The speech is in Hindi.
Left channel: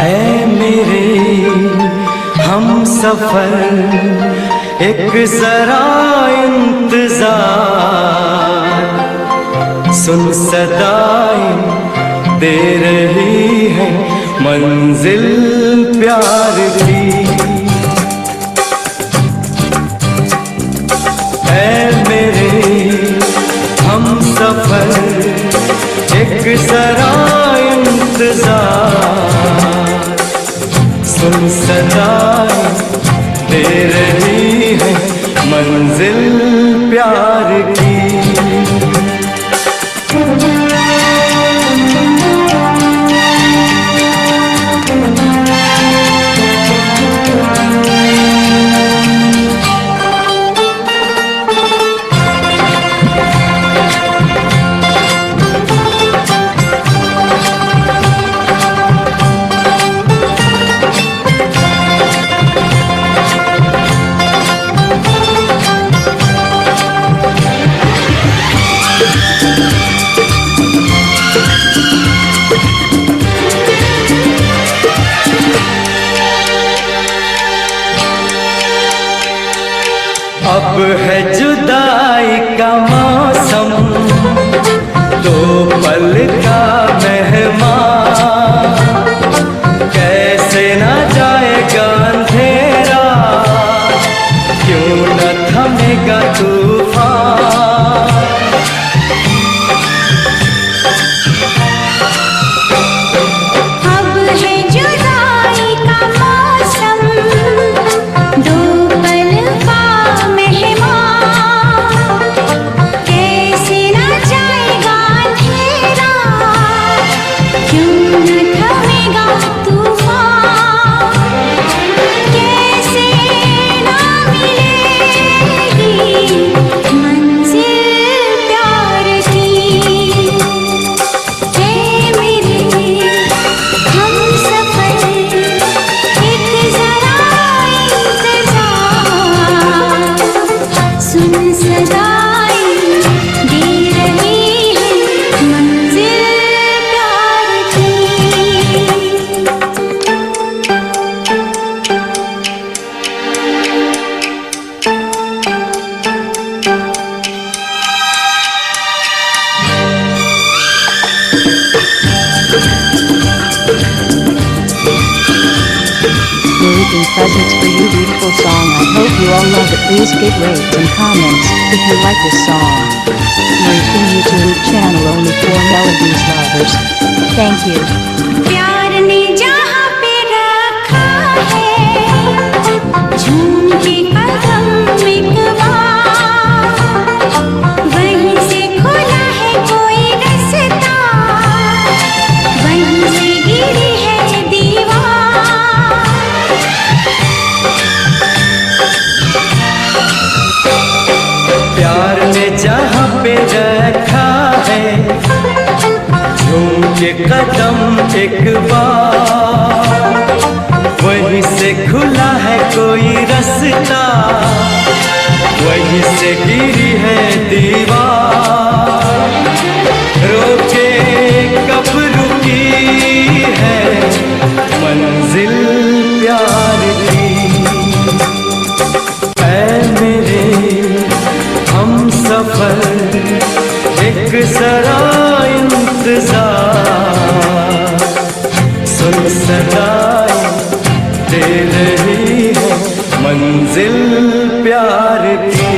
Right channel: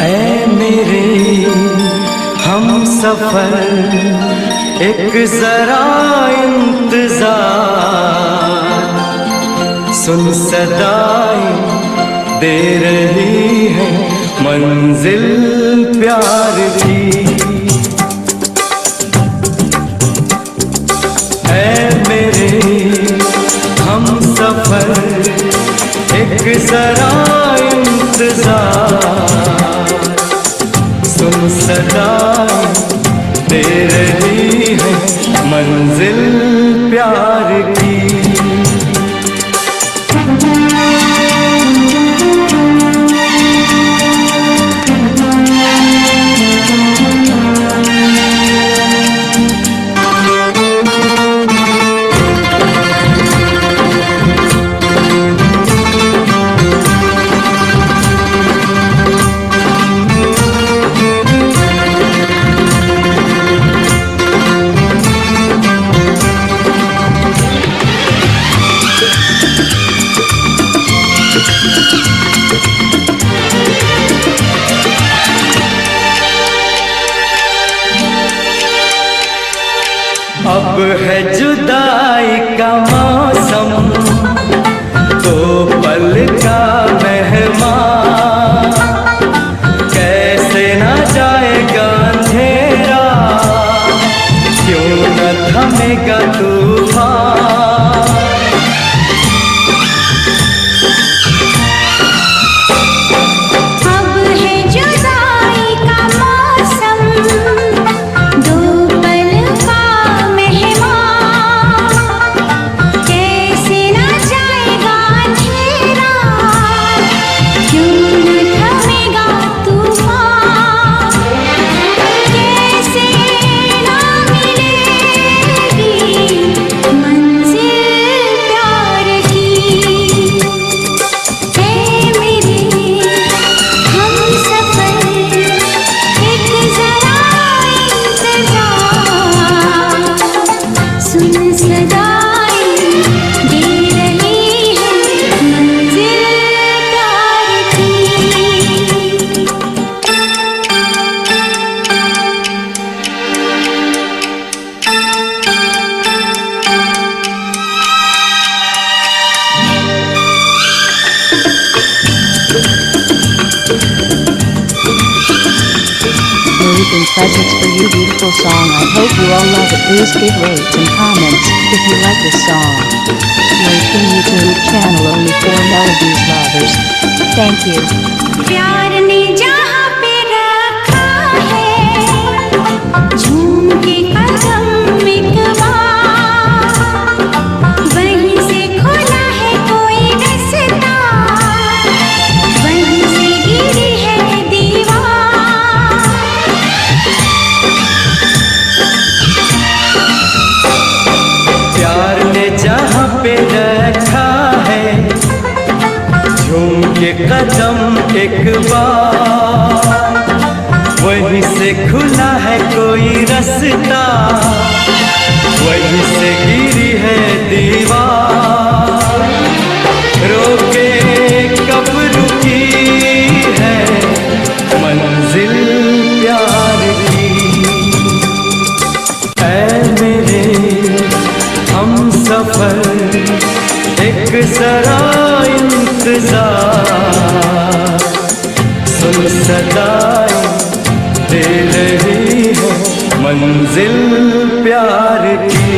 ऐ मेरे हम सफर एक जरा इंतजार, सुन सदाएं दे रही है मंजिल प्यार की। ऐ मेरे हम सफर एक जरा इंतजार, सुन सदाएं दे रही है मंजिल प्यार की। अब है जुदाई का मौसम, दो पल का मेहमान, कैसे ना जाएगा अंधेरा, क्यों न थमेगा तूफान। Marukan presents for you beautiful song. I hope you all love it. Please give rates and comments if you like this song. Marukan YouTube channel only for melodies lovers. Thank you. प्यार ने जहाँ पे रखा है झूम के कदम एक बार, वहीं से खुला है कोई रास्ता, वहीं से गिरी है दीवार। प्यार ने जहाँ पे रखा है झूम के कदम एक बार, वहीं से खुला है कोई रास्ता, वहीं से गिरी है दीवार। रोके कब रुकी है मंजिल प्यार की। ऐ मेरे हम सफर एक जरा इंतजार, सुन सदाएं दे रही है मंजिल प्यार की।